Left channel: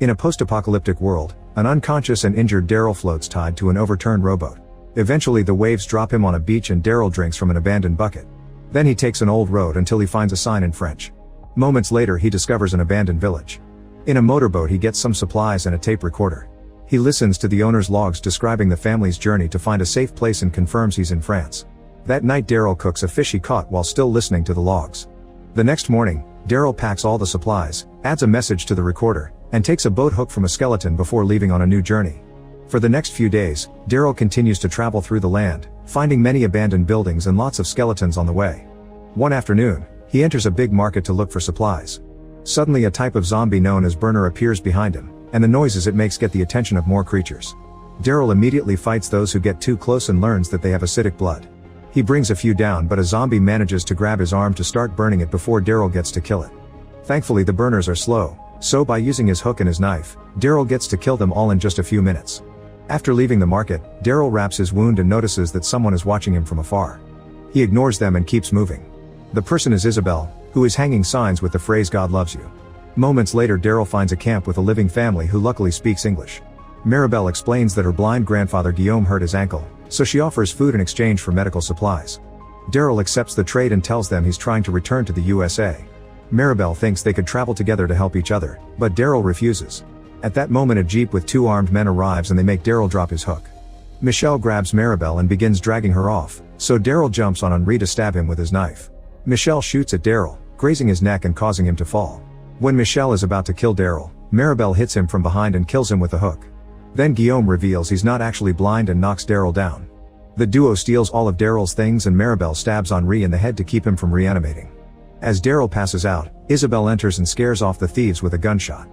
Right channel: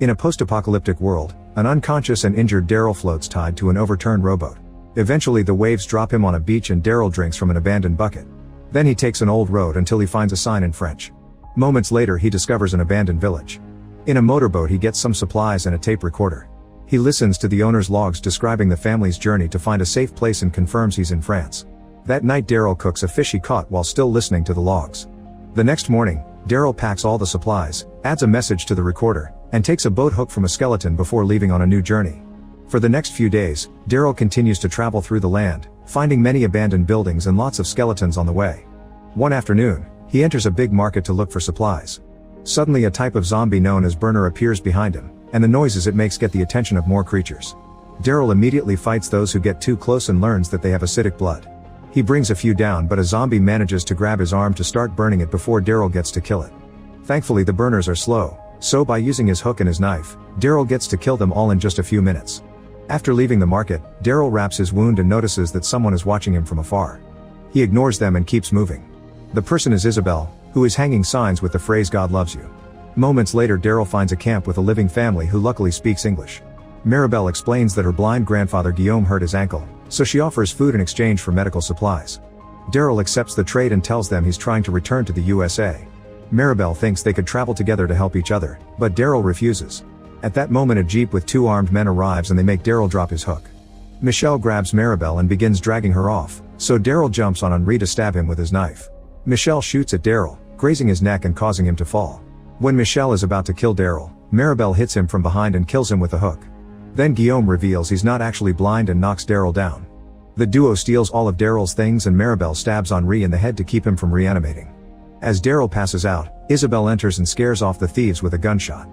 In a post-apocalyptic world, an unconscious and injured Daryl floats tied to an overturned rowboat. Eventually the waves drop him on a beach and Daryl drinks from an abandoned bucket. Then he takes an old road until he finds a sign in French. Moments later he discovers an abandoned village. In a motorboat he gets some supplies and a tape recorder. He listens to the owner's logs describing the family's journey to find a safe place and confirms he's in France. That night Daryl cooks a fish he caught while still listening to the logs. The next morning, Daryl packs all the supplies, adds a message to the recorder, and takes a boat hook from a skeleton before leaving on a new journey. For the next few days, Daryl continues to travel through the land, finding many abandoned buildings and lots of skeletons on the way. One afternoon, he enters a big market to look for supplies. Suddenly a type of zombie known as Burner appears behind him, and the noises it makes get the attention of more creatures. Daryl immediately fights those who get too close and learns that they have acidic blood. He brings a few down, but a zombie manages to grab his arm to start burning it before Daryl gets to kill it. Thankfully the burners are slow, so by using his hook and his knife, Daryl gets to kill them all in just a few minutes. After leaving the market, Daryl wraps his wound and notices that someone is watching him from afar. He ignores them and keeps moving. The person is Isabel, who is hanging signs with the phrase "God loves you." Moments later Daryl finds a camp with a living family who luckily speaks English. Maribel explains that her blind grandfather Guillaume hurt his ankle, so she offers food in exchange for medical supplies. Daryl accepts the trade and tells them he's trying to return to the USA. Maribel thinks they could travel together to help each other, but Daryl refuses. At that moment a jeep with two armed men arrives and they make Daryl drop his hook. Michelle grabs Maribel and begins dragging her off, so Daryl jumps on Henri to stab him with his knife. Michelle shoots at Daryl, grazing his neck and causing him to fall. When Michelle is about to kill Daryl, Maribel hits him from behind and kills him with a hook. Then Guillaume reveals he's not actually blind and knocks Daryl down. The duo steals all of Daryl's things and Maribel stabs Henri in the head to keep him from reanimating. As Daryl passes out, Isabel enters and scares off the thieves with a gunshot.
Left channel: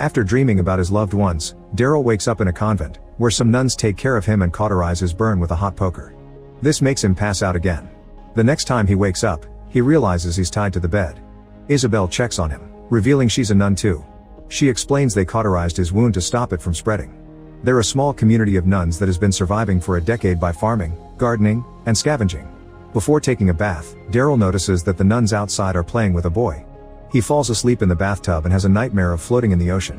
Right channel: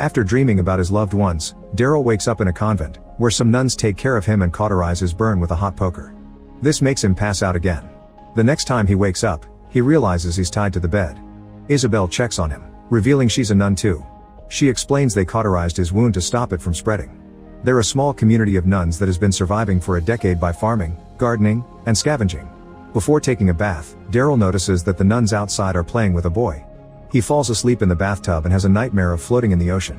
After dreaming about his loved ones, Daryl wakes up in a convent, where some nuns take care of him and cauterize his burn with a hot poker. This makes him pass out again. The next time he wakes up, he realizes he's tied to the bed. Isabel checks on him, revealing she's a nun too. She explains they cauterized his wound to stop it from spreading. They're a small community of nuns that has been surviving for a decade by farming, gardening, and scavenging. Before taking a bath, Daryl notices that the nuns outside are playing with a boy. He falls asleep in the bathtub and has a nightmare of floating in the ocean.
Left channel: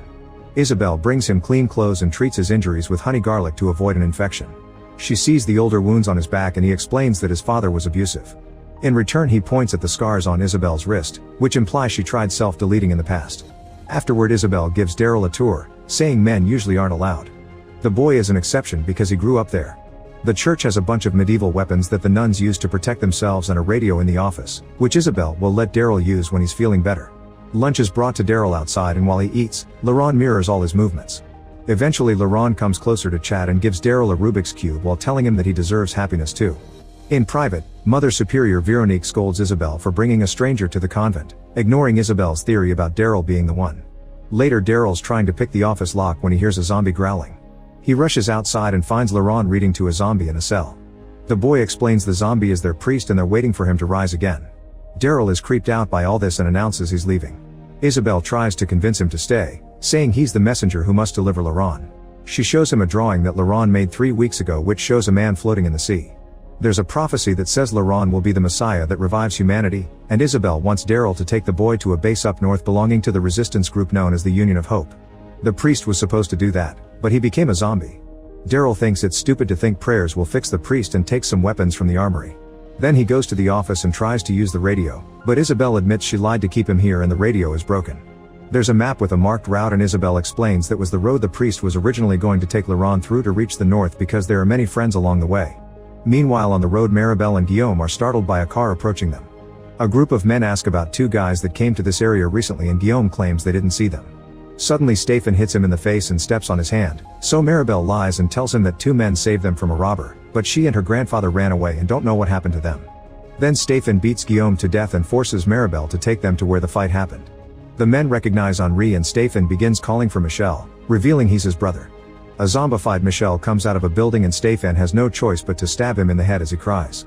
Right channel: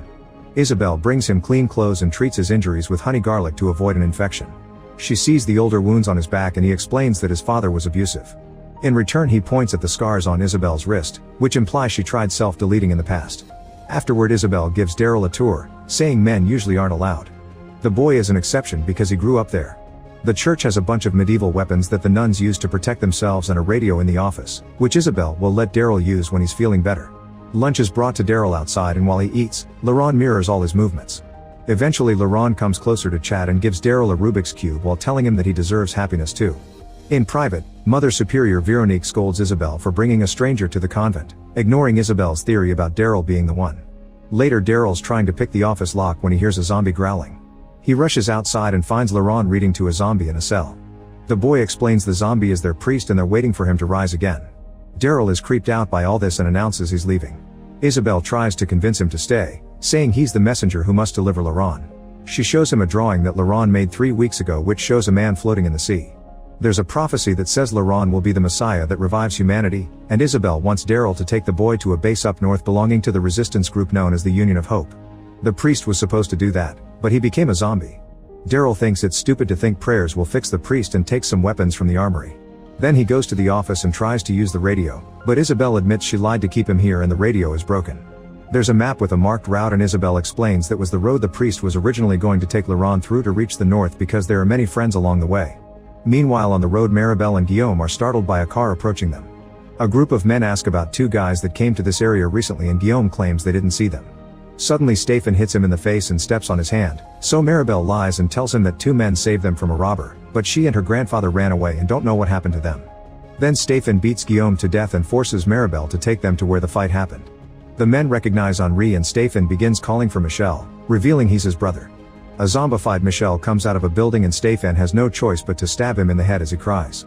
Isabel brings him clean clothes and treats his injuries with honey garlic to avoid an infection. She sees the older wounds on his back and he explains that his father was abusive. In return he points at the scars on Isabel's wrist, which implies she tried self-deleting in the past. Afterward Isabel gives Daryl a tour, saying men usually aren't allowed. The boy is an exception because he grew up there. The church has a bunch of medieval weapons that the nuns use to protect themselves and a radio in the office, which Isabel will let Daryl use when he's feeling better. Lunch is brought to Daryl outside and while he eats, Laurent mirrors all his movements. Eventually Laurent comes closer to chat and gives Daryl a Rubik's Cube while telling him that he deserves happiness too. In private, Mother Superior Veronique scolds Isabel for bringing a stranger to the convent, ignoring Isabel's theory about Daryl being the one. Later Daryl's trying to pick the office lock when he hears a zombie growling. He rushes outside and finds Laurent reading to a zombie in a cell. The boy explains the zombie is their priest and they're waiting for him to rise again. Daryl is creeped out by all this and announces he's leaving. Isabel tries to convince him to stay, saying he's the messenger who must deliver Laurent. She shows him a drawing that Laurent made 3 weeks ago which shows a man floating in the sea. There's a prophecy that says Laurent will be the Messiah that revives humanity, and Isabel wants Daryl to take the boy to a base up north belonging to the resistance group known as the Union of Hope. The priest was supposed to do that, but he became a zombie. Daryl thinks it's stupid to think prayers will fix the priest and takes some weapons from the armory. Then he goes to the office and tries to use the radio, but Isabel admits she lied to keep him here and the radio is broken. There's a map with a marked route and Isabel explains that was the road the priest was originally going to take Laurent through to reach the north because there are many friends along the way. Meanwhile on the road Maribel and Guillaume are startled by a car approaching them. A group of men ask about 2 guys that came to this area recently and Guillaume claims they didn't see them. Suddenly Stephen hits him in the face and steps on his hand, so Maribel lies and tells him that 2 men saved them from a robber, but she and her grandfather ran away and don't know what happened to them. Then Stephen beats Guillaume to death and forces Maribel to take them to where the fight happened. The men recognize Henri and Stephen begins calling for Michel, revealing he's his brother. A zombified Michel comes out of a building and Stephen has no choice but to stab him in the head as he cries.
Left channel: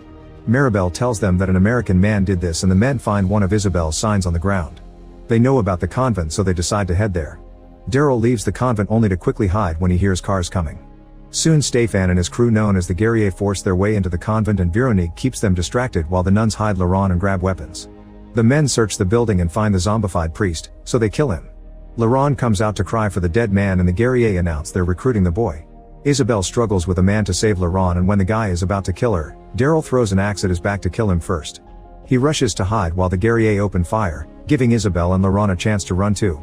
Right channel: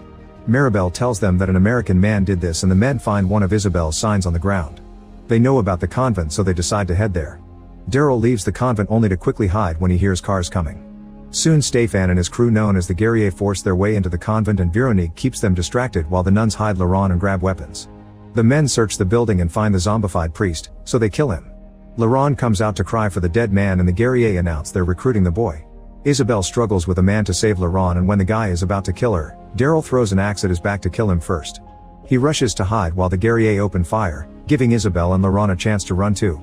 Maribel tells them that an American man did this and the men find one of Isabel's signs on the ground. They know about the convent so they decide to head there. Daryl leaves the convent only to quickly hide when he hears cars coming. Soon Stephen and his crew known as the Guerrier force their way into the convent and Veronique keeps them distracted while the nuns hide Laurent and grab weapons. The men search the building and find the zombified priest, so they kill him. Laurent comes out to cry for the dead man and the guerrier announce they're recruiting the boy. Isabelle struggles with a man to save Laurent, and when the guy is about to kill her, Daryl throws an axe at his back to kill him first. He rushes to hide while the guerrier open fire, giving Isabelle and Laurent a chance to run too.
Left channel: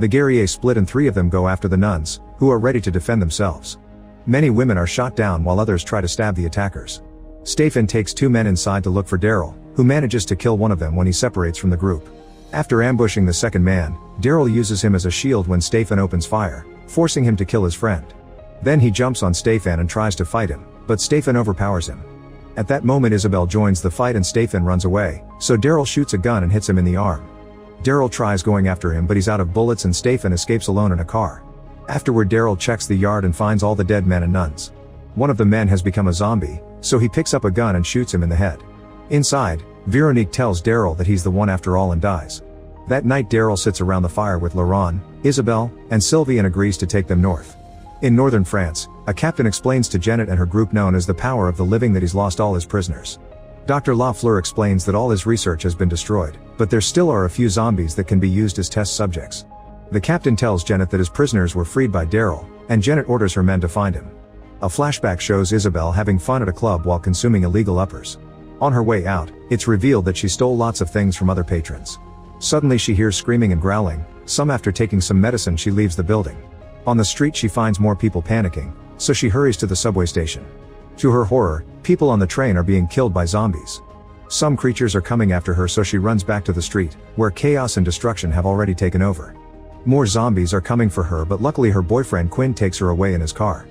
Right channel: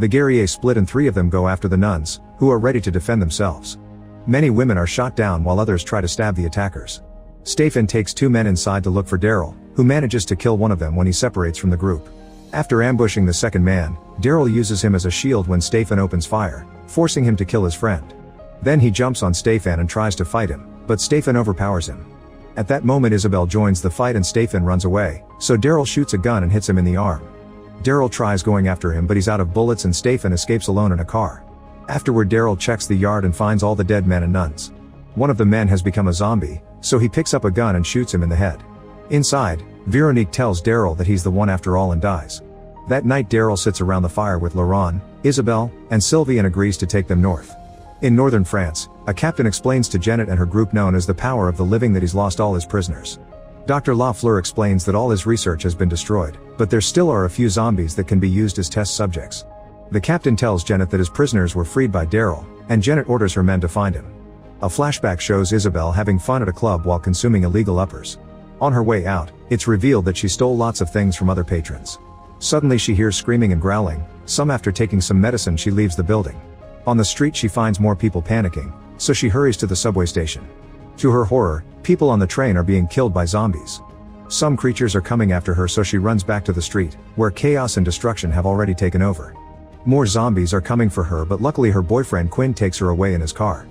The guerrier split and 3 of them go after the nuns, who are ready to defend themselves. Many women are shot down while others try to stab the attackers. Stephen takes 2 men inside to look for Daryl, who manages to kill one of them when he separates from the group. After ambushing the second man, Daryl uses him as a shield when Stephen opens fire, forcing him to kill his friend. Then he jumps on Stephen and tries to fight him, but Stephen overpowers him. At that moment Isabelle joins the fight and Stephen runs away, so Daryl shoots a gun and hits him in the arm. Daryl tries going after him but he's out of bullets and Stephen escapes alone in a car. Afterward Daryl checks the yard and finds all the dead men and nuns. One of the men has become a zombie, so he picks up a gun and shoots him in the head. Inside, Veronique tells Daryl that he's the one after all and dies. That night Daryl sits around the fire with Laurent, Isabelle, and Sylvie and agrees to take them north. In northern France, a captain explains to Janet and her group known as the Power of the Living that he's lost all his prisoners. Dr. Lafleur explains that all his research has been destroyed, but there still are a few zombies that can be used as test subjects. The captain tells Janet that his prisoners were freed by Daryl, and Janet orders her men to find him. A flashback shows Isabelle having fun at a club while consuming illegal uppers. On her way out, it's revealed that she stole lots of things from other patrons. Suddenly she hears screaming and growling. Some after taking some medicine she leaves the building. On the street she finds more people panicking, so she hurries to the subway station. To her horror, people on the train are being killed by zombies. Some creatures are coming after her, so she runs back to the street, where chaos and destruction have already taken over. More zombies are coming for her, but luckily her boyfriend Quinn takes her away in his car.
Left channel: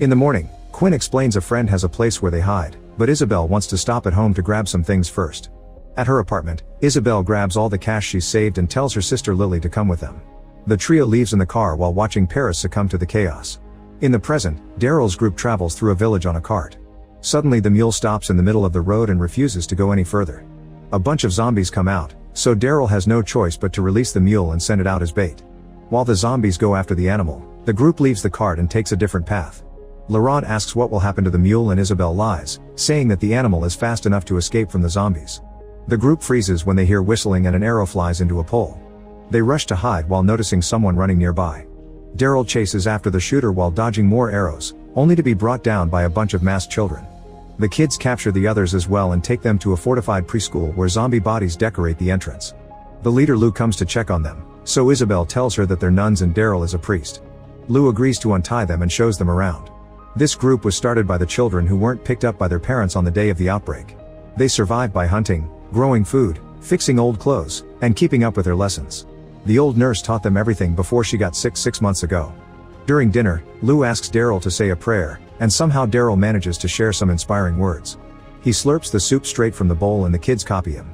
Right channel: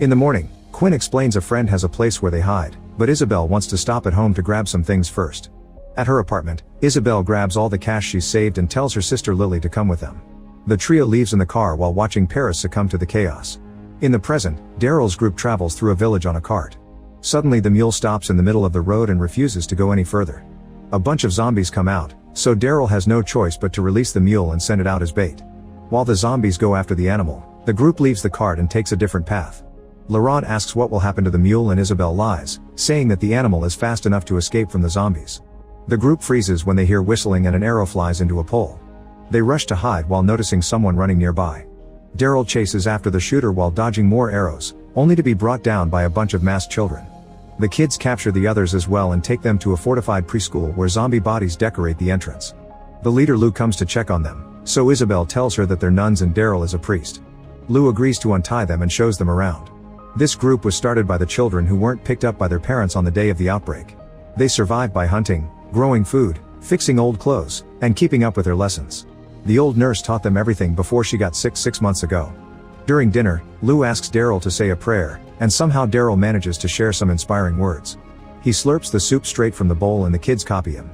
In the morning, Quinn explains a friend has a place where they hide, but Isabelle wants to stop at home to grab some things first. At her apartment, Isabelle grabs all the cash she's saved and tells her sister Lily to come with them. The trio leaves in the car while watching Paris succumb to the chaos. In the present, Daryl's group travels through a village on a cart. Suddenly the mule stops in the middle of the road and refuses to go any further. A bunch of zombies come out, so Daryl has no choice but to release the mule and send it out as bait. While the zombies go after the animal, the group leaves the cart and takes a different path. Laurent asks what will happen to the mule and Isabelle lies, saying that the animal is fast enough to escape from the zombies. The group freezes when they hear whistling and an arrow flies into a pole. They rush to hide while noticing someone running nearby. Daryl chases after the shooter while dodging more arrows, only to be brought down by a bunch of masked children. The kids capture the others as well and take them to a fortified preschool where zombie bodies decorate the entrance. The leader Lou comes to check on them, so Isabelle tells her that they're nuns and Daryl is a priest. Lou agrees to untie them and shows them around. This group was started by the children who weren't picked up by their parents on the day of the outbreak. They survived by hunting, growing food, fixing old clothes, and keeping up with their lessons. The old nurse taught them everything before she got sick 6 months ago. During dinner, Lou asks Daryl to say a prayer, and somehow Daryl manages to share some inspiring words. He slurps the soup straight from the bowl and the kids copy him.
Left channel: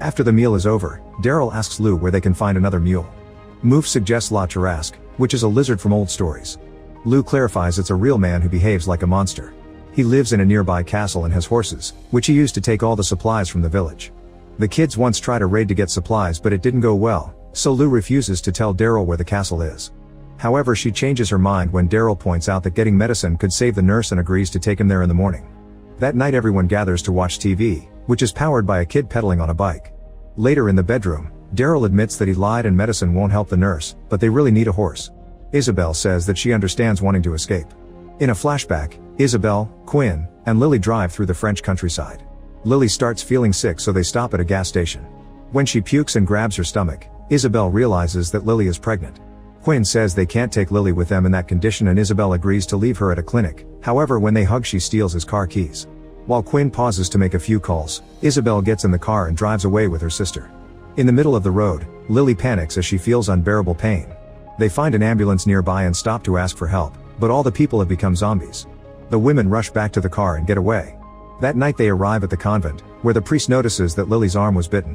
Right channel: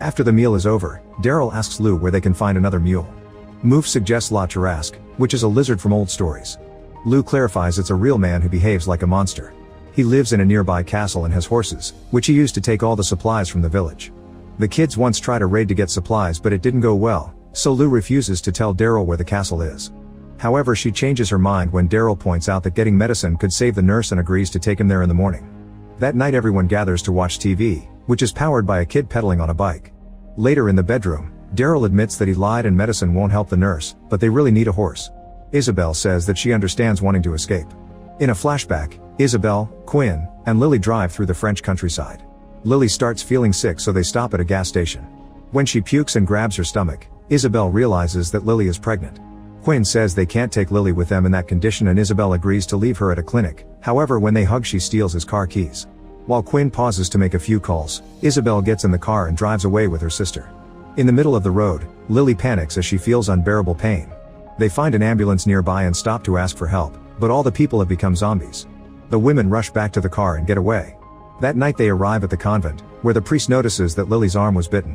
After the meal is over, Daryl asks Lou where they can find another mule. Move suggests La Tarasque, which is a lizard from old stories. Lou clarifies it's a real man who behaves like a monster. He lives in a nearby castle and has horses, which he used to take all the supplies from the village. The kids once tried a raid to get supplies but it didn't go well, so Lou refuses to tell Daryl where the castle is. However, she changes her mind when Daryl points out that getting medicine could save the nurse and agrees to take him there in the morning. That night everyone gathers to watch TV, which is powered by a kid pedaling on a bike. Later in the bedroom, Daryl admits that he lied and medicine won't help the nurse, but they really need a horse. Isabelle says that she understands wanting to escape. In a flashback, Isabelle, Quinn, and Lily drive through the French countryside. Lily starts feeling sick, so they stop at a gas station. When she pukes and grabs her stomach, Isabelle realizes that Lily is pregnant. Quinn says they can't take Lily with them in that condition and Isabelle agrees to leave her at a clinic. However, when they hug she steals his car keys. While Quinn pauses to make a few calls, Isabelle gets in the car and drives away with her sister. In the middle of the road, Lily panics as she feels unbearable pain. They find an ambulance nearby and stop to ask for help, but all the people have become zombies. The women rush back to the car and get away. That night they arrive at the convent, where the priest notices that Lily's arm was bitten.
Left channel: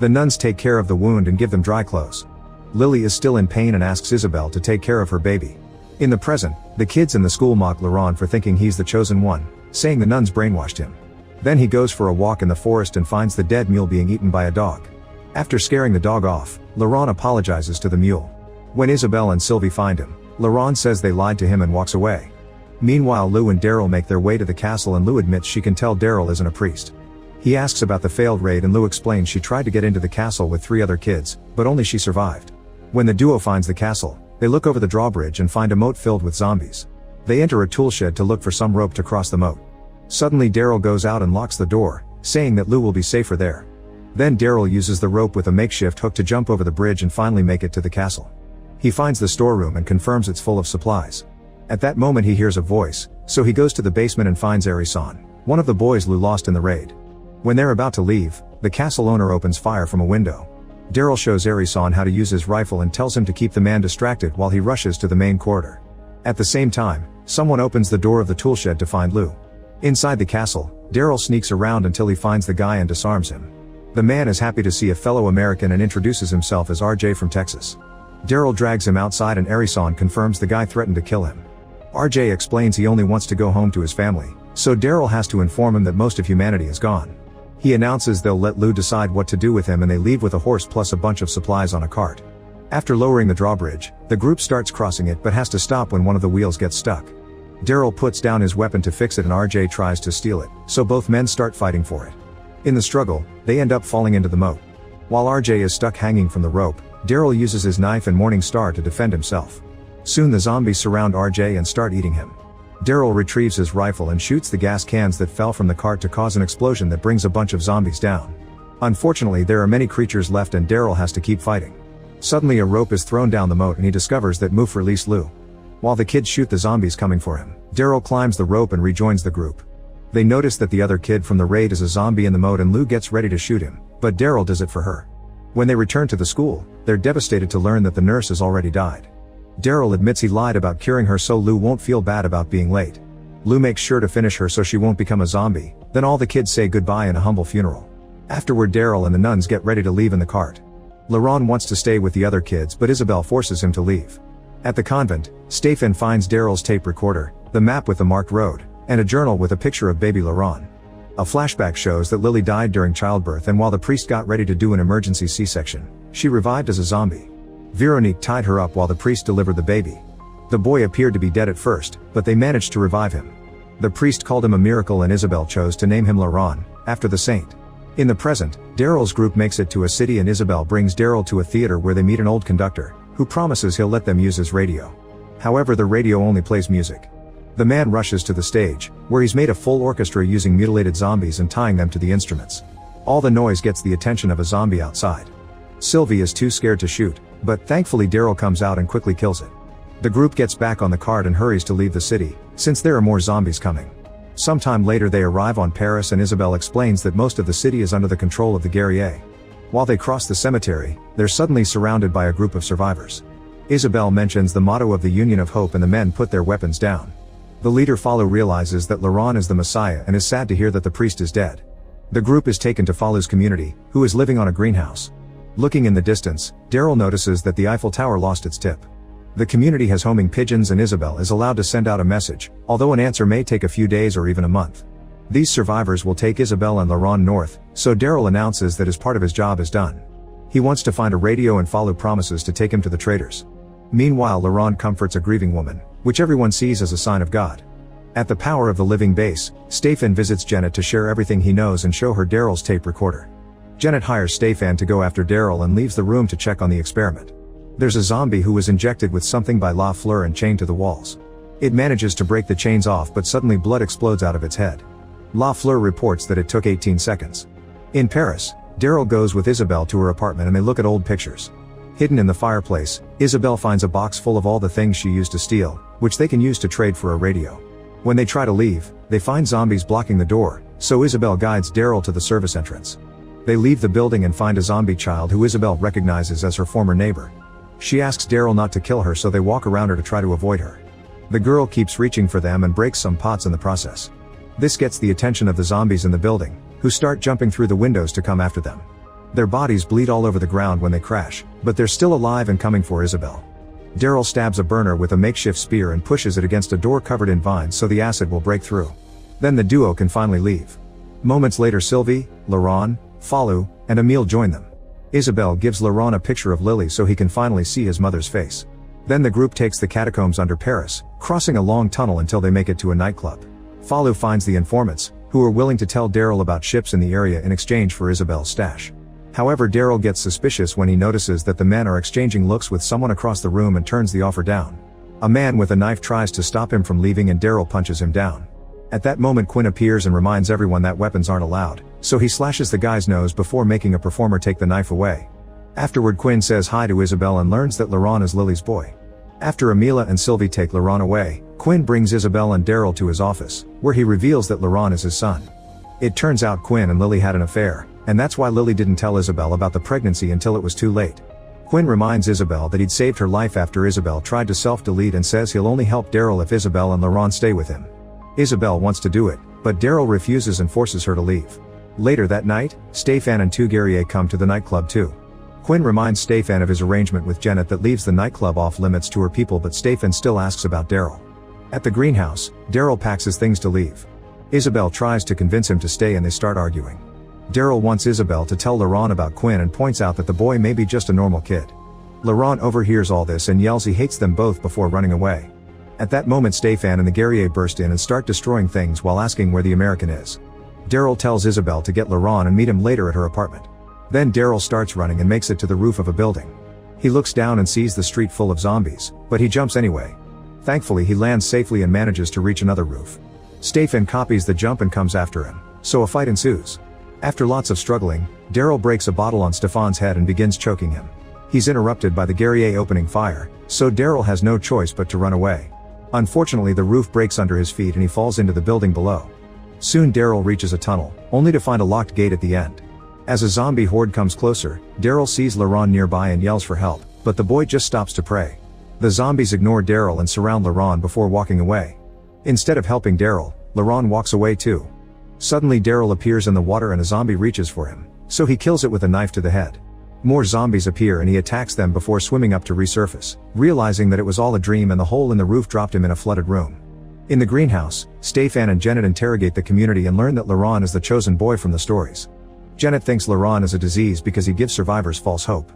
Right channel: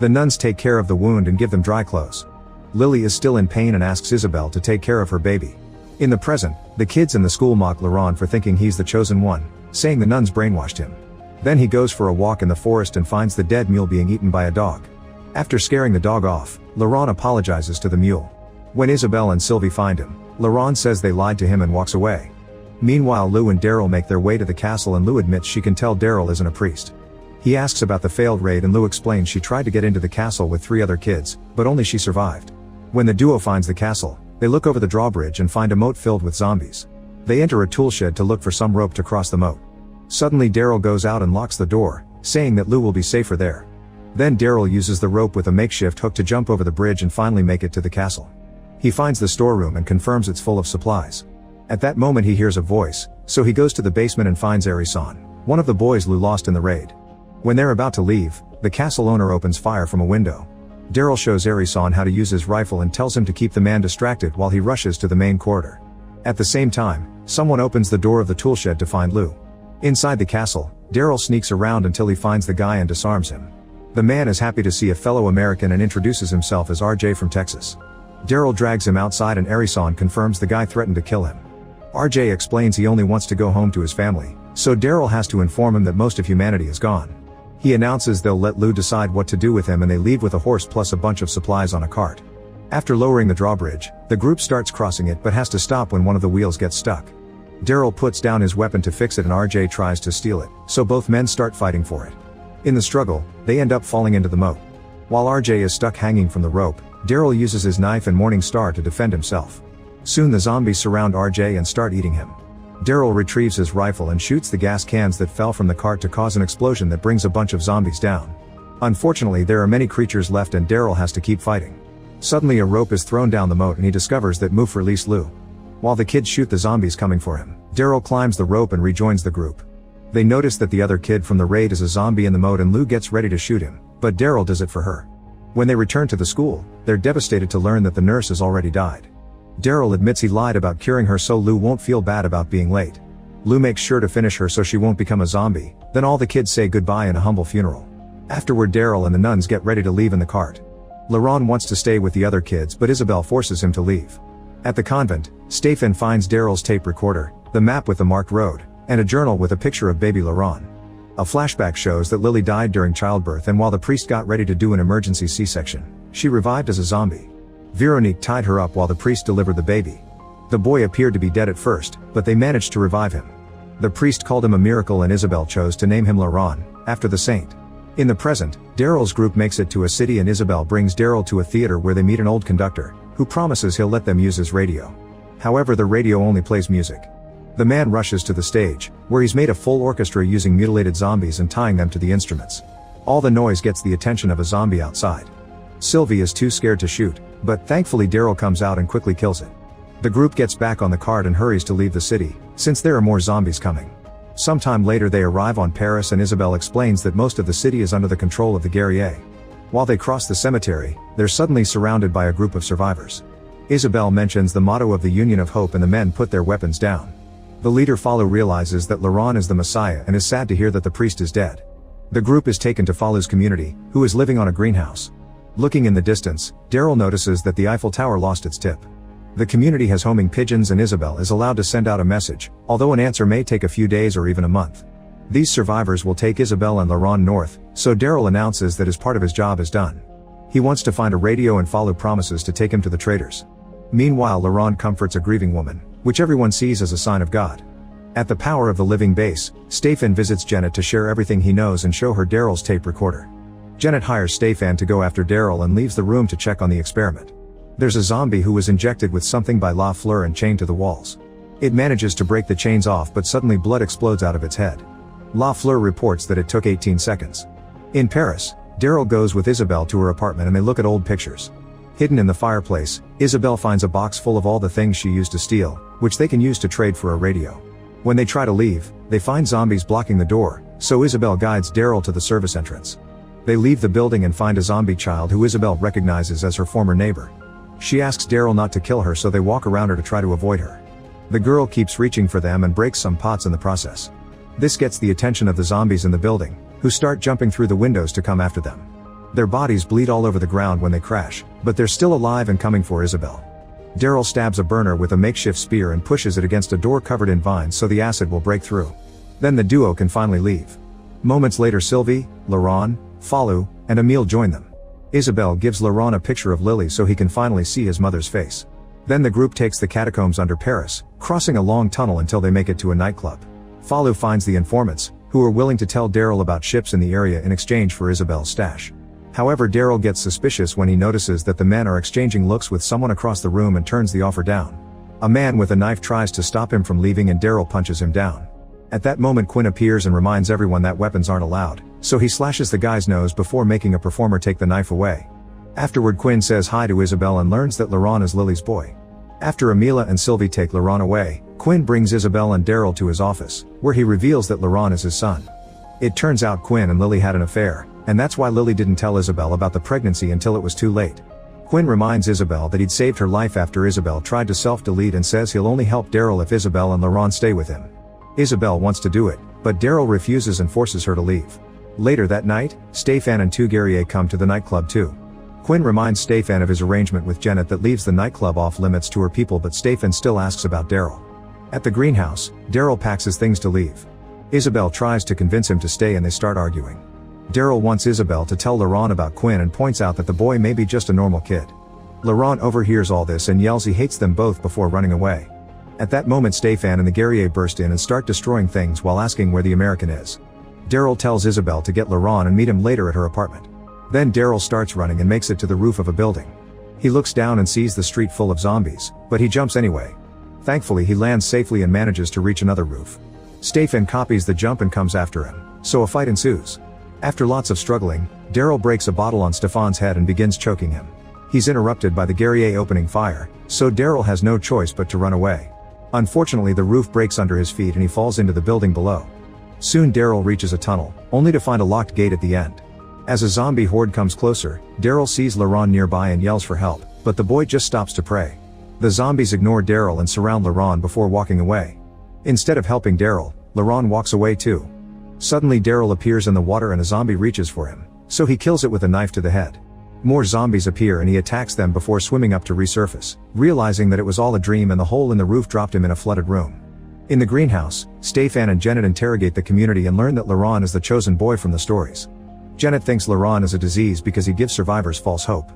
The nuns take care of the wound and give them dry clothes. Lily is still in pain and asks Isabelle to take care of her baby. In the present, the kids in the school mock Laurent for thinking he's the chosen one, saying the nuns brainwashed him. Then he goes for a walk in the forest and finds the dead mule being eaten by a dog. After scaring the dog off, Laurent apologizes to the mule. When Isabelle and Sylvie find him, Laurent says they lied to him and walks away. Meanwhile, Lou and Daryl make their way to the castle and Lou admits she can tell Daryl isn't a priest. He asks about the failed raid and Lou explains she tried to get into the castle with 3 other kids, but only she survived. When the duo finds the castle, they look over the drawbridge and find a moat filled with zombies. They enter a tool shed to look for some rope to cross the moat. Suddenly Daryl goes out and locks the door, saying that Lou will be safer there. Then Daryl uses the rope with a makeshift hook to jump over the bridge and finally make it to the castle. He finds the storeroom and confirms it's full of supplies. At that moment he hears a voice, so he goes to the basement and finds Arison, one of the boys Lou lost in the raid. When they're about to leave, the castle owner opens fire from a window. Daryl shows Arison how to use his rifle and tells him to keep the man distracted while he rushes to the main corridor. At the same time, someone opens the door of the tool shed to find Lou. Inside the castle, Daryl sneaks around until he finds the guy and disarms him. The man is happy to see a fellow American and introduces himself as RJ from Texas. Daryl drags him outside and Arison confirms the guy threatened to kill him. RJ explains he only wants to go home to his family, so Daryl has to inform him that most of humanity is gone. He announces they'll let Lou decide what to do with him and they leave with a horse plus a bunch of supplies on a cart. After lowering the drawbridge, the group starts crossing it but has to stop when one of the wheels gets stuck. Daryl puts down his weapon to fix it and RJ tries to steal it, so both men start fighting for it. In the struggle, they end up falling into the moat. While RJ is stuck hanging from the rope, Daryl uses his knife and Morning Star to defend himself. Soon the zombies surround RJ and start eating him. Daryl retrieves his rifle and shoots the gas cans that fell from the cart to cause an explosion that brings a bunch of zombies down. Unfortunately, there are many creatures left and Daryl has to keep fighting. Suddenly a rope is thrown down the moat and he discovers that Moof released Lou. While the kids shoot the zombies coming for him, Daryl climbs the rope and rejoins the group. They notice that the other kid from the raid is a zombie in the moat and Lou gets ready to shoot him, but Daryl does it for her. When they return to the school, they're devastated to learn that the nurse has already died. Daryl admits he lied about curing her so Lou won't feel bad about being late. Lou makes sure to finish her so she won't become a zombie, then all the kids say goodbye in a humble funeral. Afterward Daryl and the nuns get ready to leave in the cart. Laurent wants to stay with the other kids but Isabel forces him to leave. At the convent, Stephen finds Daryl's tape recorder, the map with the marked road, and a journal with a picture of baby Laurent. A flashback shows that Lily died during childbirth and while the priest got ready to do an emergency C-section, she revived as a zombie. Veronique tied her up while the priest delivered the baby. The boy appeared to be dead at first, but they managed to revive him. The priest called him a miracle and Isabel chose to name him Laurent, after the saint. In the present, Daryl's group makes it to a city and Isabel brings Daryl to a theater where they meet an old conductor, who promises he'll let them use his radio. However, the radio only plays music. The man rushes to the stage, where he's made a full orchestra using mutilated zombies and tying them to the instruments. All the noise gets the attention of a zombie outside. Sylvie is too scared to shoot, but thankfully Daryl comes out and quickly kills it. The group gets back on the cart and hurries to leave the city, since there are more zombies coming. Sometime later they arrive on Paris and Isabel explains that most of the city is under the control of the guerriers. While they cross the cemetery, they're suddenly surrounded by a group of survivors. Isabel mentions the motto of the Union of Hope and the men put their weapons down. The leader Falu realizes that Laurent is the Messiah and is sad to hear that the priest is dead. The group is taken to Falu's community, who is living on a greenhouse. Looking in the distance, Daryl notices that the Eiffel Tower lost its tip. The community has homing pigeons and Isabel is allowed to send out a message, although an answer may take a few days or even a month. These survivors will take Isabel and Laurent north, so Daryl announces that his part of his job is done. He wants to find a radio and Falu promises to take him to the traders. Meanwhile, Laurent comforts a grieving woman, which everyone sees as a sign of God. At the Power of the Living base, Stefan visits Janet to share everything he knows and show her Daryl's tape recorder. Janet hires Stefan to go after Daryl and leaves the room to check on the experiment. There's a zombie who was injected with something by La Fleur and chained to the walls. It manages to break the chains off but suddenly blood explodes out of its head. La Fleur reports that it took 18 seconds. In Paris, Daryl goes with Isabel to her apartment and they look at old pictures. Hidden in the fireplace, Isabel finds a box full of all the things she used to steal, which they can use to trade for a radio. When they try to leave, they find zombies blocking the door, so Isabel guides Daryl to the service entrance. They leave the building and find a zombie child who Isabel recognizes as her former neighbor. She asks Daryl not to kill her so they walk around her to try to avoid her. The girl keeps reaching for them and breaks some pots in the process. This gets the attention of the zombies in the building, who start jumping through the windows to come after them. Their bodies bleed all over the ground when they crash, but they're still alive and coming for Isabel. Daryl stabs a burner with a makeshift spear and pushes it against a door covered in vines so the acid will break through. Then the duo can finally leave. Moments later Sylvie, Laurent, Falu, and Emile join them. Isabel gives Laurent a picture of Lily so he can finally see his mother's face. Then the group takes the catacombs under Paris, crossing a long tunnel until they make it to a nightclub. Falu finds the informants, who are willing to tell Daryl about ships in the area in exchange for Isabel's stash. However, Daryl gets suspicious when he notices that the men are exchanging looks with someone across the room and turns the offer down. A man with a knife tries to stop him from leaving and Daryl punches him down. At that moment, Quinn appears and reminds everyone that weapons aren't allowed, so he slashes the guy's nose before making a performer take the knife away. Afterward, Quinn says hi to Isabel and learns that Laurent is Lily's boy. After Amelia and Sylvie take Laurent away, Quinn brings Isabel and Daryl to his office, where he reveals that Laurent is his son. It turns out Quinn and Lily had an affair, and that's why Lily didn't tell Isabel about the pregnancy until it was too late. Quinn reminds Isabel that he'd saved her life after Isabel tried to self-delete and says he'll only help Daryl if Isabel and Laurent stay with him. Isabel wants to do it, but Daryl refuses and forces her to leave. Later that night, Stefan and two guerriers come to the nightclub too. Quinn reminds Stefan of his arrangement with Janet that leaves the nightclub off limits to her people, but Stefan still asks about Daryl. At the greenhouse, Daryl packs his things to leave. Isabel tries to convince him to stay and they start arguing. Daryl wants Isabel to tell Laurent about Quinn and points out that the boy may be just a normal kid. Laurent overhears all this and yells he hates them both before running away. At that moment, Stefan and the guerrier burst in and start destroying things while asking where the American is. Daryl tells Isabel to get Laurent and meet him later at her apartment. Then Daryl starts running and makes it to the roof of a building. He looks down and sees the street full of zombies, but he jumps anyway. Thankfully, he lands safely and manages to reach another roof. Stefan copies the jump and comes after him, so a fight ensues. After lots of struggling, Daryl breaks a bottle on Stefan's head and begins choking him. He's interrupted by the guerrier opening fire, so Daryl has no choice but to run away. Unfortunately, the roof breaks under his feet and he falls into the building below. Soon Daryl reaches a tunnel, only to find a locked gate at the end. As a zombie horde comes closer, Daryl sees Laurent nearby and yells for help, but the boy just stops to pray. The zombies ignore Daryl and surround Laurent before walking away. Instead of helping Daryl, Laurent walks away too. Suddenly Daryl appears in the water and a zombie reaches for him, so he kills it with a knife to the head. More zombies appear and he attacks them before swimming up to resurface, realizing that it was all a dream and the hole in the roof dropped him in a flooded room. In the greenhouse, Stefan and Janet interrogate the community and learn that Laurent is the chosen boy from the stories. Janet thinks Laurent is a disease because he gives survivors false hope.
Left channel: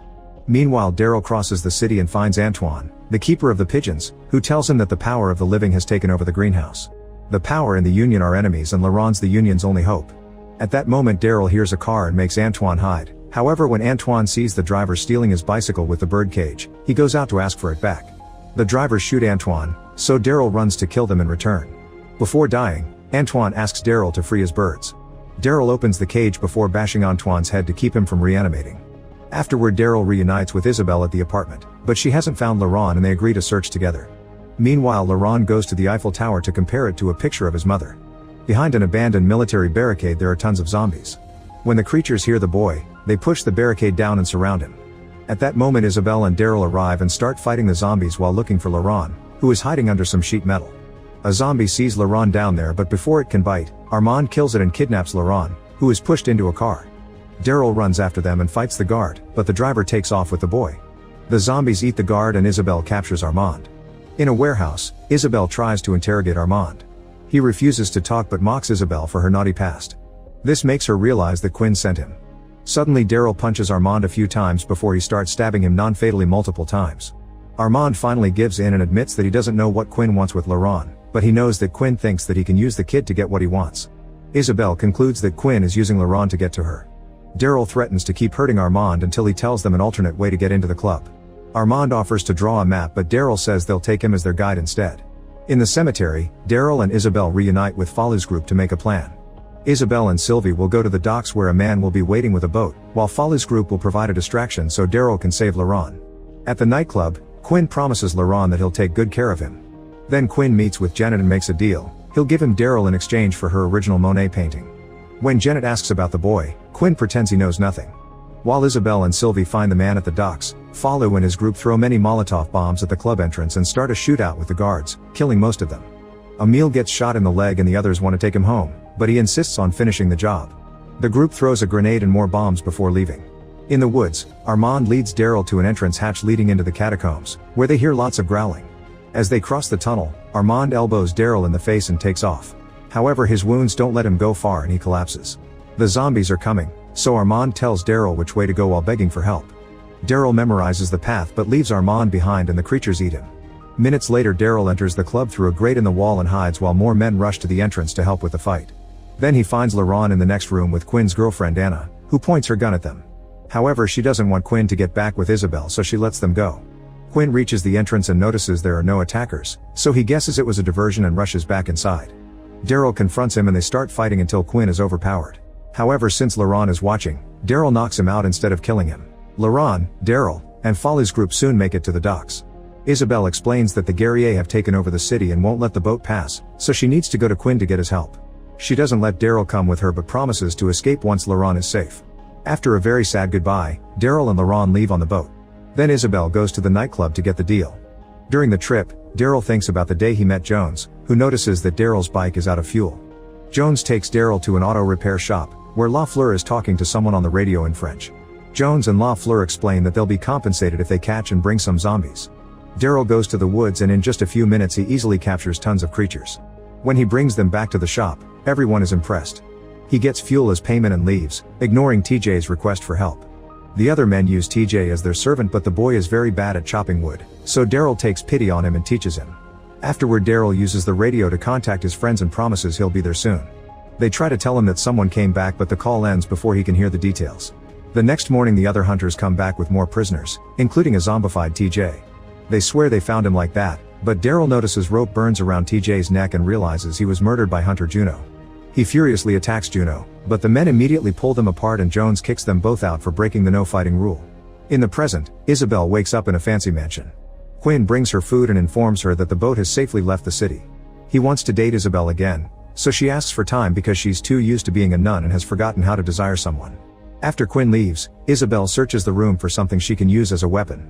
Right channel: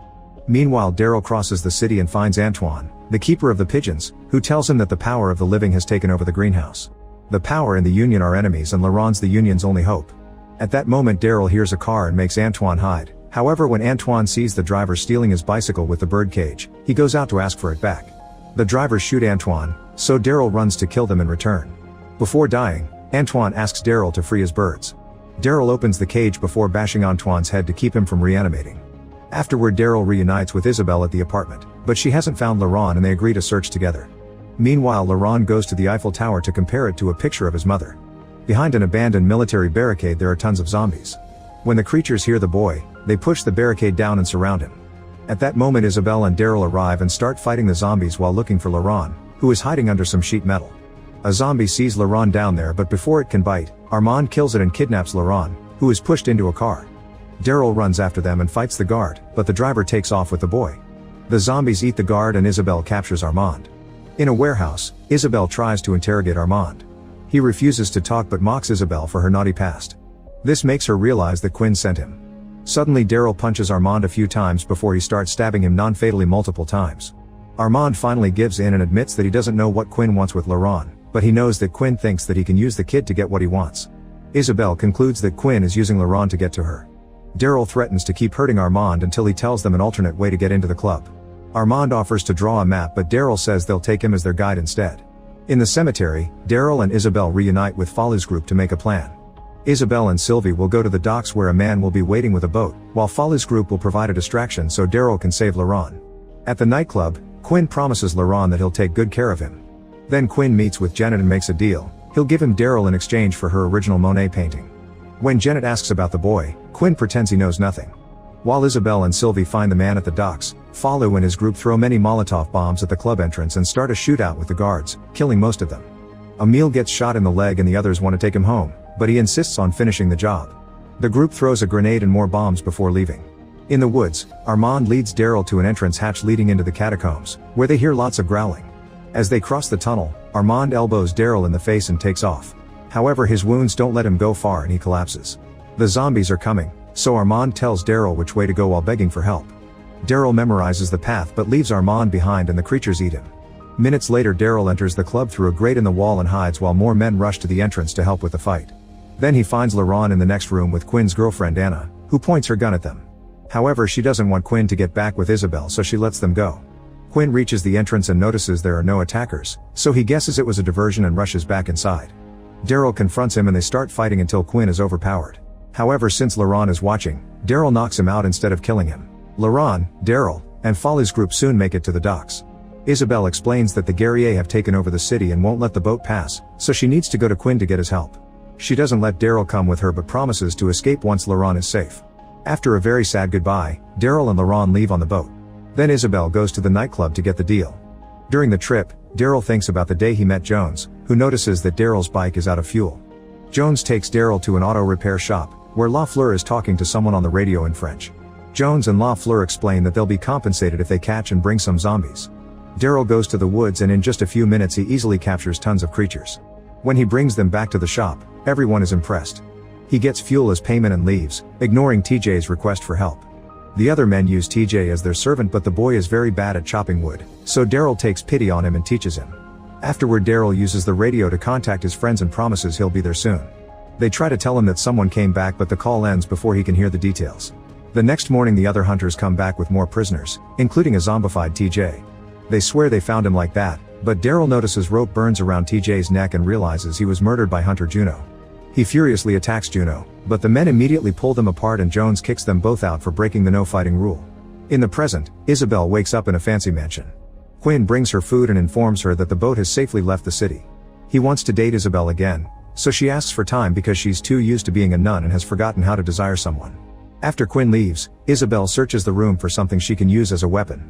Meanwhile, Daryl crosses the city and finds Antoine, the keeper of the pigeons, who tells him that the power of the living has taken over the greenhouse. The power and the Union are enemies and Laurent's the Union's only hope. At that moment, Daryl hears a car and makes Antoine hide. However, when Antoine sees the driver stealing his bicycle with the bird cage, he goes out to ask for it back. The drivers shoot Antoine, so Daryl runs to kill them in return. Before dying, Antoine asks Daryl to free his birds. Daryl opens the cage before bashing Antoine's head to keep him from reanimating. Afterward, Daryl reunites with Isabel at the apartment, but she hasn't found Laurent and they agree to search together. Meanwhile, Laurent goes to the Eiffel Tower to compare it to a picture of his mother. Behind an abandoned military barricade there are tons of zombies. When the creatures hear the boy, they push the barricade down and surround him. At that moment, Isabel and Daryl arrive and start fighting the zombies while looking for Laurent, who is hiding under some sheet metal. A zombie sees Laurent down there, but before it can bite, Armand kills it and kidnaps Laurent, who is pushed into a car. Daryl runs after them and fights the guard, but the driver takes off with the boy. The zombies eat the guard and Isabel captures Armand. In a warehouse, Isabel tries to interrogate Armand. He refuses to talk but mocks Isabel for her naughty past. This makes her realize that Quinn sent him. Suddenly, Daryl punches Armand a few times before he starts stabbing him non-fatally multiple times. Armand finally gives in and admits that he doesn't know what Quinn wants with Laurent, but he knows that Quinn thinks that he can use the kid to get what he wants. Isabel concludes that Quinn is using Laurent to get to her. Daryl threatens to keep hurting Armand until he tells them an alternate way to get into the club. Armand offers to draw a map, but Daryl says they'll take him as their guide instead. In the cemetery, Daryl and Isabel reunite with Folly's group to make a plan. Isabel and Sylvie will go to the docks where a man will be waiting with a boat, while Folly's group will provide a distraction so Daryl can save Laurent. At the nightclub, Quinn promises Laurent that he'll take good care of him. Then Quinn meets with Janet and makes a deal. He'll give him Daryl in exchange for her original Monet painting. When Janet asks about the boy, Quinn pretends he knows nothing. While Isabel and Sylvie find the man at the docks, Follow and his group throw many Molotov bombs at the club entrance and start a shootout with the guards, killing most of them. Emile gets shot in the leg and the others want to take him home, but he insists on finishing the job. The group throws a grenade and more bombs before leaving. In the woods, Armand leads Daryl to an entrance hatch leading into the catacombs, where they hear lots of growling. As they cross the tunnel, Armand elbows Daryl in the face and takes off. However, his wounds don't let him go far and he collapses. The zombies are coming, so Armand tells Daryl which way to go while begging for help. Daryl memorizes the path but leaves Armand behind and the creatures eat him. Minutes later, Daryl enters the club through a grate in the wall and hides while more men rush to the entrance to help with the fight. Then he finds Laurent in the next room with Quinn's girlfriend Anna, who points her gun at them. However, she doesn't want Quinn to get back with Isabel, so she lets them go. Quinn reaches the entrance and notices there are no attackers, so he guesses it was a diversion and rushes back inside. Daryl confronts him and they start fighting until Quinn is overpowered. However, since Laurent is watching, Daryl knocks him out instead of killing him. Laurent, Daryl, and Folly's group soon make it to the docks. Isabel explains that the guerriers have taken over the city and won't let the boat pass, so she needs to go to Quinn to get his help. She doesn't let Daryl come with her but promises to escape once Laurent is safe. After a very sad goodbye, Daryl and Laurent leave on the boat. Then Isabel goes to the nightclub to get the deal. During the trip, Daryl thinks about the day he met Jones, who notices that Daryl's bike is out of fuel. Jones takes Daryl to an auto repair shop, where Lafleur is talking to someone on the radio in French. Jones and Lafleur explain that they'll be compensated if they catch and bring some zombies. Daryl goes to the woods and in just a few minutes he easily captures tons of creatures. When he brings them back to the shop, everyone is impressed. He gets fuel as payment and leaves, ignoring TJ's request for help. The other men use TJ as their servant, but the boy is very bad at chopping wood, so Daryl takes pity on him and teaches him. Afterward, Daryl uses the radio to contact his friends and promises he'll be there soon. They try to tell him that someone came back, but the call ends before he can hear the details. The next morning the other hunters come back with more prisoners, including a zombified TJ. They swear they found him like that, but Daryl notices rope burns around TJ's neck and realizes he was murdered by Hunter Juno. He furiously attacks Juno, but the men immediately pull them apart and Jones kicks them both out for breaking the no-fighting rule. In the present, Isabel wakes up in a fancy mansion. Quinn brings her food and informs her that the boat has safely left the city. He wants to date Isabel again, so she asks for time because she's too used to being a nun and has forgotten how to desire someone. After Quinn leaves, Isabel searches the room for something she can use as a weapon.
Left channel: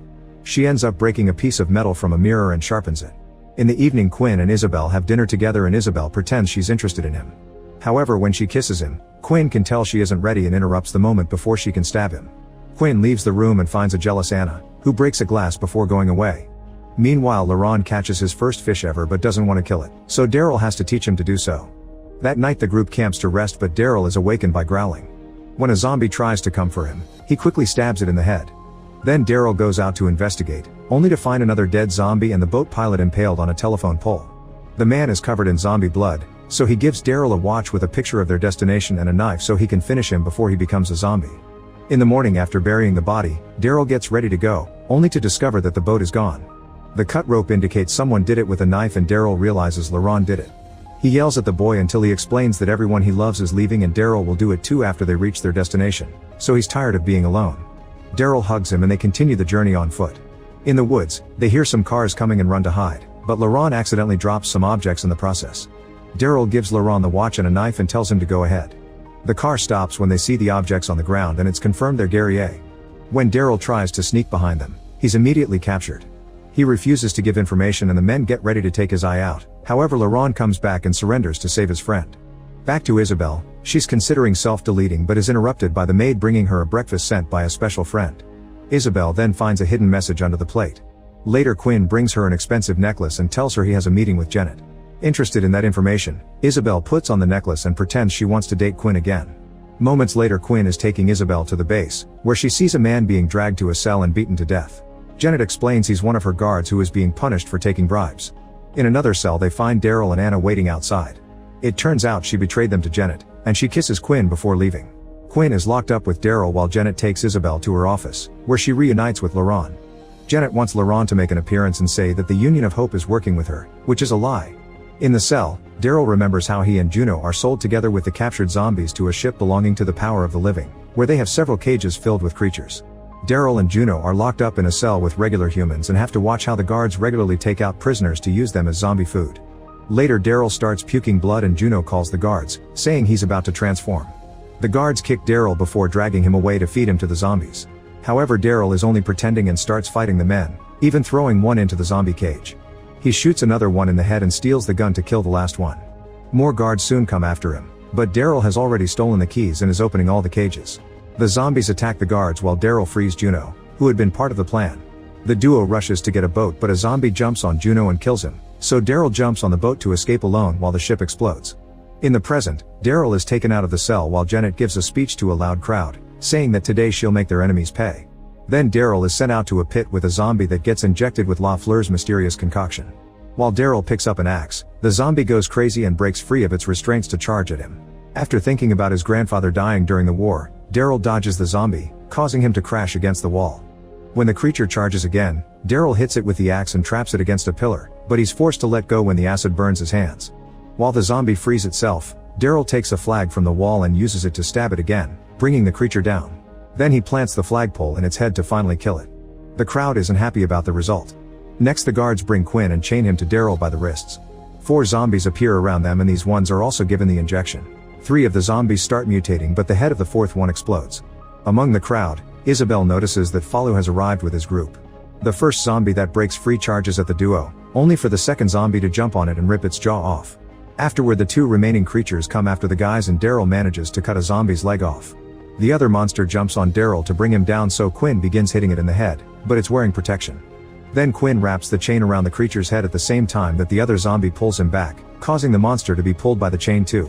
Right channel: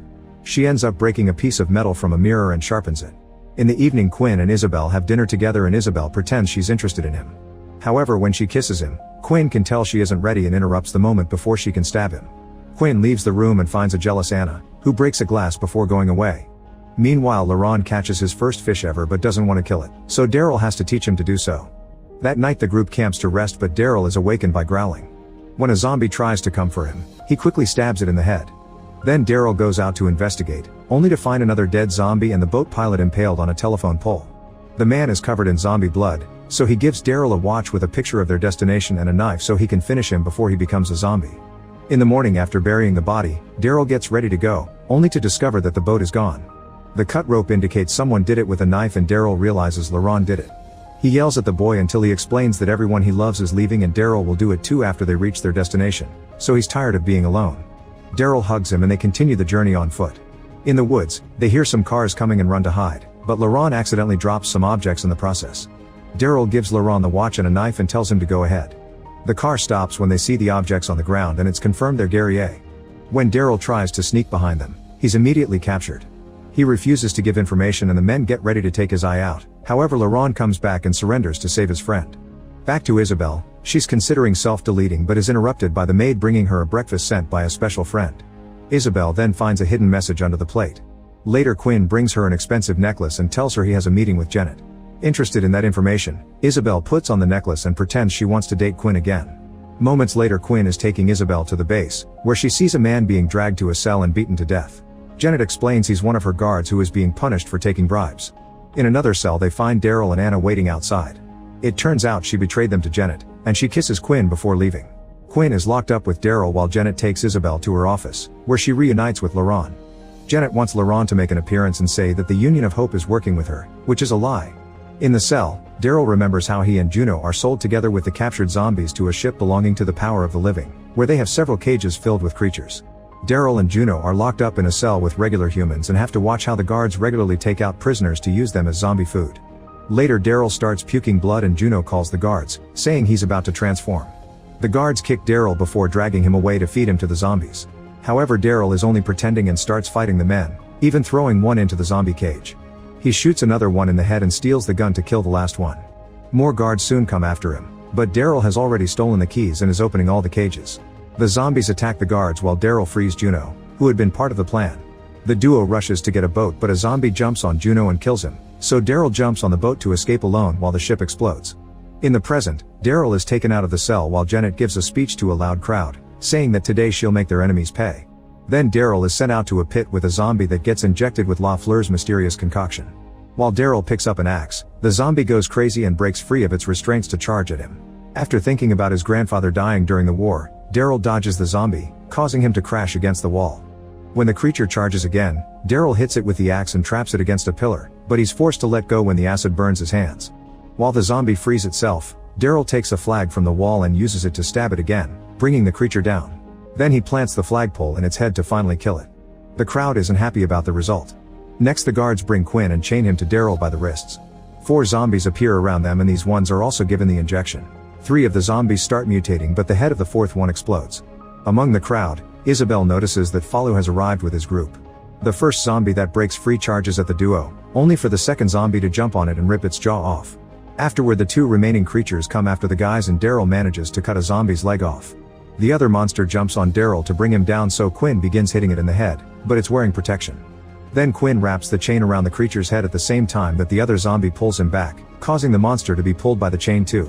She ends up breaking a piece of metal from a mirror and sharpens it. In the evening, Quinn and Isabel have dinner together and Isabel pretends she's interested in him. However, when she kisses him, Quinn can tell she isn't ready and interrupts the moment before she can stab him. Quinn leaves the room and finds a jealous Anna, who breaks a glass before going away. Meanwhile, Laurent catches his first fish ever but doesn't want to kill it, so Daryl has to teach him to do so. That night the group camps to rest, but Daryl is awakened by growling. When a zombie tries to come for him, he quickly stabs it in the head. Then Daryl goes out to investigate, only to find another dead zombie and the boat pilot impaled on a telephone pole. The man is covered in zombie blood, so he gives Daryl a watch with a picture of their destination and a knife so he can finish him before he becomes a zombie. In the morning after burying the body, Daryl gets ready to go, only to discover that the boat is gone. The cut rope indicates someone did it with a knife and Daryl realizes Laurent did it. He yells at the boy until he explains that everyone he loves is leaving and Daryl will do it too after they reach their destination, so he's tired of being alone. Daryl hugs him and they continue the journey on foot. In the woods, they hear some cars coming and run to hide, but Laurent accidentally drops some objects in the process. Daryl gives Laurent the watch and a knife and tells him to go ahead. The car stops when they see the objects on the ground and it's confirmed they're guerriers. When Daryl tries to sneak behind them, he's immediately captured. He refuses to give information and the men get ready to take his eye out. However, Laurent comes back and surrenders to save his friend. Back to Isabel, she's considering self-deleting but is interrupted by the maid bringing her a breakfast sent by a special friend. Isabel then finds a hidden message under the plate. Later, Quinn brings her an expensive necklace and tells her he has a meeting with Janet. Interested in that information, Isabel puts on the necklace and pretends she wants to date Quinn again. Moments later, Quinn is taking Isabel to the base, where she sees a man being dragged to a cell and beaten to death. Janet explains he's one of her guards who is being punished for taking bribes. In another cell they find Daryl and Anna waiting outside. It turns out she betrayed them to Janet, and she kisses Quinn before leaving. Quinn is locked up with Daryl while Janet takes Isabel to her office, where she reunites with Laurent. Janet wants Laurent to make an appearance and say that the Union of Hope is working with her, which is a lie. In the cell, Daryl remembers how he and Juno are sold together with the captured zombies to a ship belonging to the Power of the Living, where they have several cages filled with creatures. Daryl and Juno are locked up in a cell with regular humans and have to watch how the guards regularly take out prisoners to use them as zombie food. Later, Daryl starts puking blood and Juno calls the guards, saying he's about to transform. The guards kick Daryl before dragging him away to feed him to the zombies. However, Daryl is only pretending and starts fighting the men, even throwing one into the zombie cage. He shoots another one in the head and steals the gun to kill the last one. More guards soon come after him, but Daryl has already stolen the keys and is opening all the cages. The zombies attack the guards while Daryl frees Juno, who had been part of the plan. The duo rushes to get a boat, but a zombie jumps on Juno and kills him, so Daryl jumps on the boat to escape alone while the ship explodes. In the present, Daryl is taken out of the cell while Janet gives a speech to a loud crowd, saying that today she'll make their enemies pay. Then Daryl is sent out to a pit with a zombie that gets injected with Lafleur's mysterious concoction. While Daryl picks up an axe, the zombie goes crazy and breaks free of its restraints to charge at him. After thinking about his grandfather dying during the war, Daryl dodges the zombie, causing him to crash against the wall. When the creature charges again, Daryl hits it with the axe and traps it against a pillar, but he's forced to let go when the acid burns his hands. While the zombie frees itself, Daryl takes a flag from the wall and uses it to stab it again, bringing the creature down. Then he plants the flagpole in its head to finally kill it. The crowd isn't happy about the result. Next, the guards bring Quinn and chain him to Daryl by the wrists. 4 zombies appear around them, and these ones are also given the injection. 3 of the zombies start mutating, but the head of the 4th one explodes. Among the crowd, Isabel notices that Falu has arrived with his group. The first zombie that breaks free charges at the duo, only for the second zombie to jump on it and rip its jaw off. Afterward, the 2 remaining creatures come after the guys, and Daryl manages to cut a zombie's leg off. The other monster jumps on Daryl to bring him down, so Quinn begins hitting it in the head, but it's wearing protection. Then Quinn wraps the chain around the creature's head at the same time that the other zombie pulls him back, causing the monster to be pulled by the chain too.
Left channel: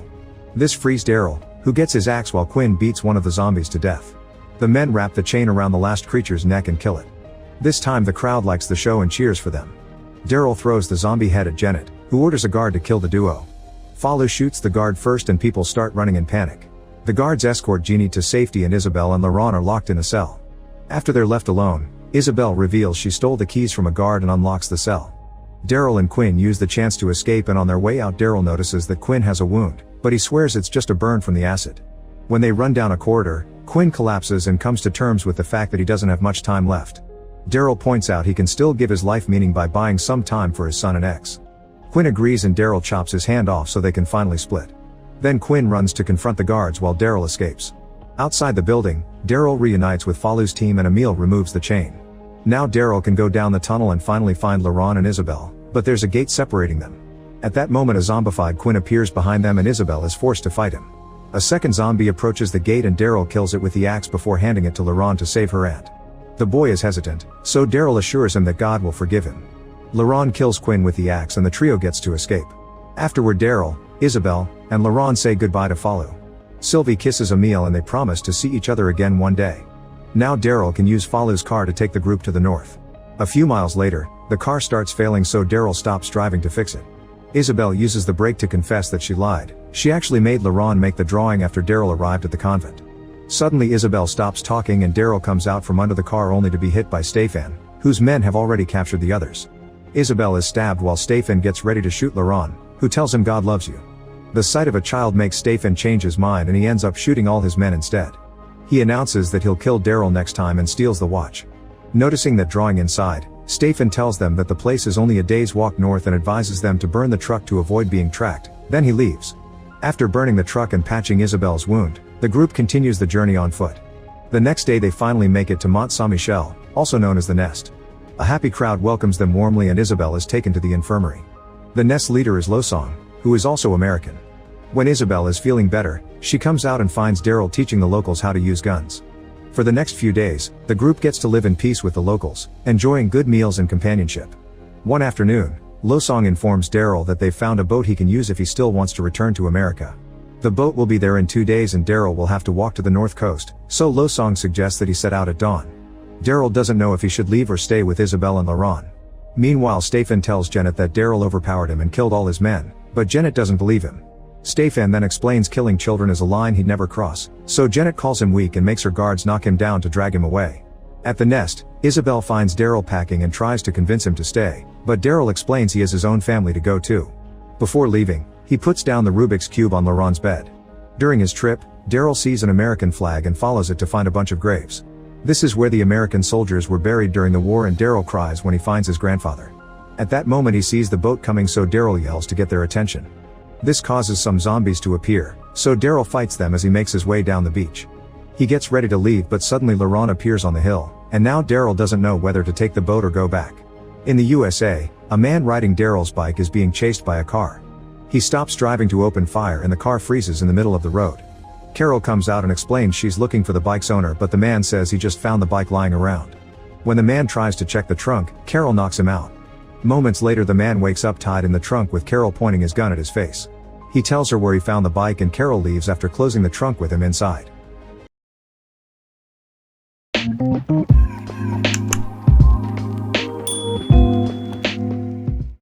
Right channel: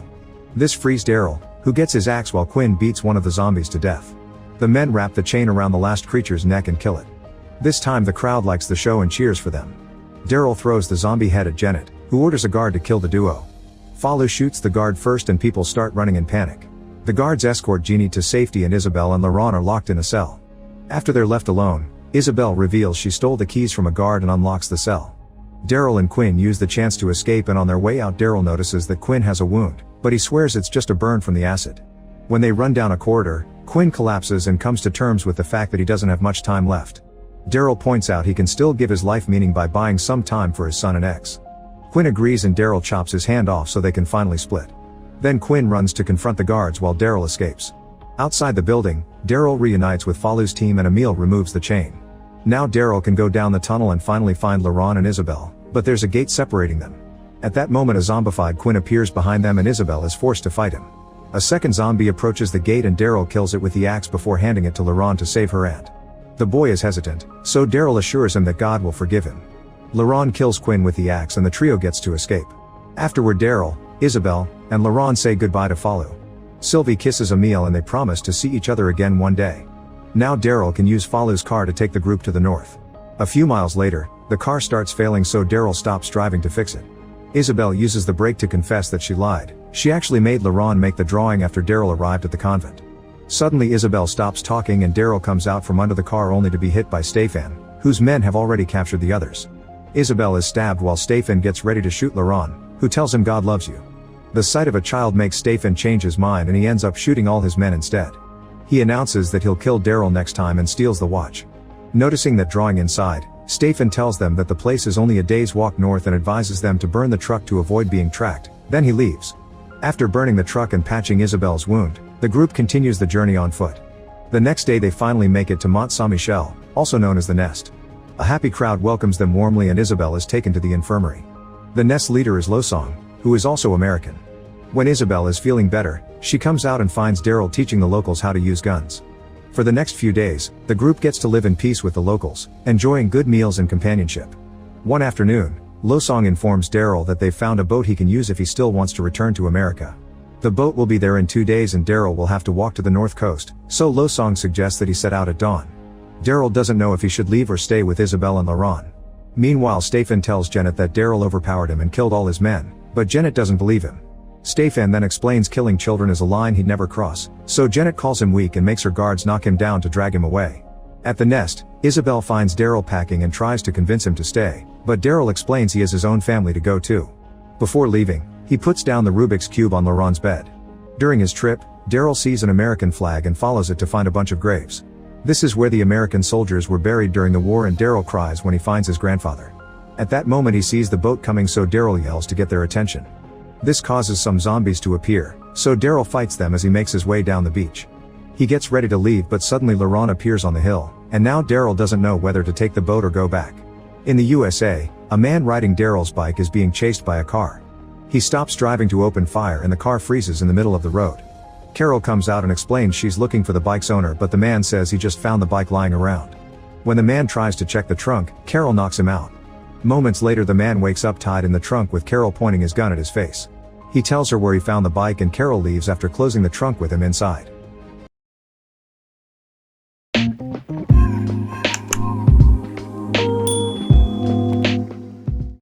This frees Daryl, who gets his axe while Quinn beats one of the zombies to death. The men wrap the chain around the last creature's neck and kill it. This time the crowd likes the show and cheers for them. Daryl throws the zombie head at Janet, who orders a guard to kill the duo. Falu shoots the guard first and people start running in panic. The guards escort Jeannie to safety, and Isabel and Laurent are locked in a cell. After they're left alone, Isabel reveals she stole the keys from a guard and unlocks the cell. Daryl and Quinn use the chance to escape, and on their way out Daryl notices that Quinn has a wound, but he swears it's just a burn from the acid. When they run down a corridor, Quinn collapses and comes to terms with the fact that he doesn't have much time left. Daryl points out he can still give his life meaning by buying some time for his son and ex. Quinn agrees, and Daryl chops his hand off so they can finally split. Then Quinn runs to confront the guards while Daryl escapes. Outside the building, Daryl reunites with Falu's team and Emile removes the chain. Now Daryl can go down the tunnel and finally find Laurent and Isabel, but there's a gate separating them. At that moment, a zombified Quinn appears behind them, and Isabel is forced to fight him. A second zombie approaches the gate, and Daryl kills it with the axe before handing it to Laurent to save her aunt. The boy is hesitant, so Daryl assures him that God will forgive him. Laurent kills Quinn with the axe, and the trio gets to escape. Afterward, Daryl, Isabel, and Laurent say goodbye to Falu. Sylvie kisses Emile, and they promise to see each other again one day. Now Daryl can use Falu's car to take the group to the north. A few miles later, the car starts failing, so Daryl stops driving to fix it. Isabel uses the brake to confess that she lied. She actually made Laurent make the drawing after Daryl arrived at the convent. Suddenly Isabel stops talking, and Daryl comes out from under the car only to be hit by Stefan, whose men have already captured the others. Isabel is stabbed while Stefan gets ready to shoot Laurent, who tells him God loves you. The sight of a child makes Stefan change his mind, and he ends up shooting all his men instead. He announces that he'll kill Daryl next time and steals the watch. Noticing the drawing inside, Stefan tells them that the place is only a day's walk north and advises them to burn the truck to avoid being tracked. Then he leaves. After burning the truck and patching Isabel's wound, the group continues the journey on foot. The next day they finally make it to Mont Saint-Michel, also known as the Nest. A happy crowd welcomes them warmly, and Isabel is taken to the infirmary. The Nest leader is Losong, who is also American. When Isabel is feeling better, she comes out and finds Daryl teaching the locals how to use guns. For the next few days, the group gets to live in peace with the locals, enjoying good meals and companionship. One afternoon, Losong informs Daryl that they've found a boat he can use if he still wants to return to America. The boat will be there in 2 days, and Daryl will have to walk to the north coast, so Losong suggests that he set out at dawn. Daryl doesn't know if he should leave or stay with Isabel and Laurent. Meanwhile, Stefan tells Janet that Daryl overpowered him and killed all his men, but Janet doesn't believe him. Stefan then explains killing children is a line he'd never cross, so Janet calls him weak and makes her guards knock him down to drag him away. At the Nest, Isabel finds Daryl packing and tries to convince him to stay, but Daryl explains he has his own family to go to. Before leaving, he puts down the Rubik's Cube on Laurent's bed. During his trip, Daryl sees an American flag and follows it to find a bunch of graves. This is where the American soldiers were buried during the war, and Daryl cries when he finds his grandfather. At that moment he sees the boat coming, so Daryl yells to get their attention. This causes some zombies to appear, so Daryl fights them as he makes his way down the beach. He gets ready to leave, but suddenly Laurent appears on the hill, and now Daryl doesn't know whether to take the boat or go back. In the USA, a man riding Daryl's bike is being chased by a car. He stops driving to open fire, and the car freezes in the middle of the road. Carol comes out and explains she's looking for the bike's owner, but the man says he just found the bike lying around. When the man tries to check the trunk, Carol knocks him out. Moments later, the man wakes up tied in the trunk with Carol pointing his gun at his face. He tells her where he found the bike, and Carol leaves after closing the trunk with him inside.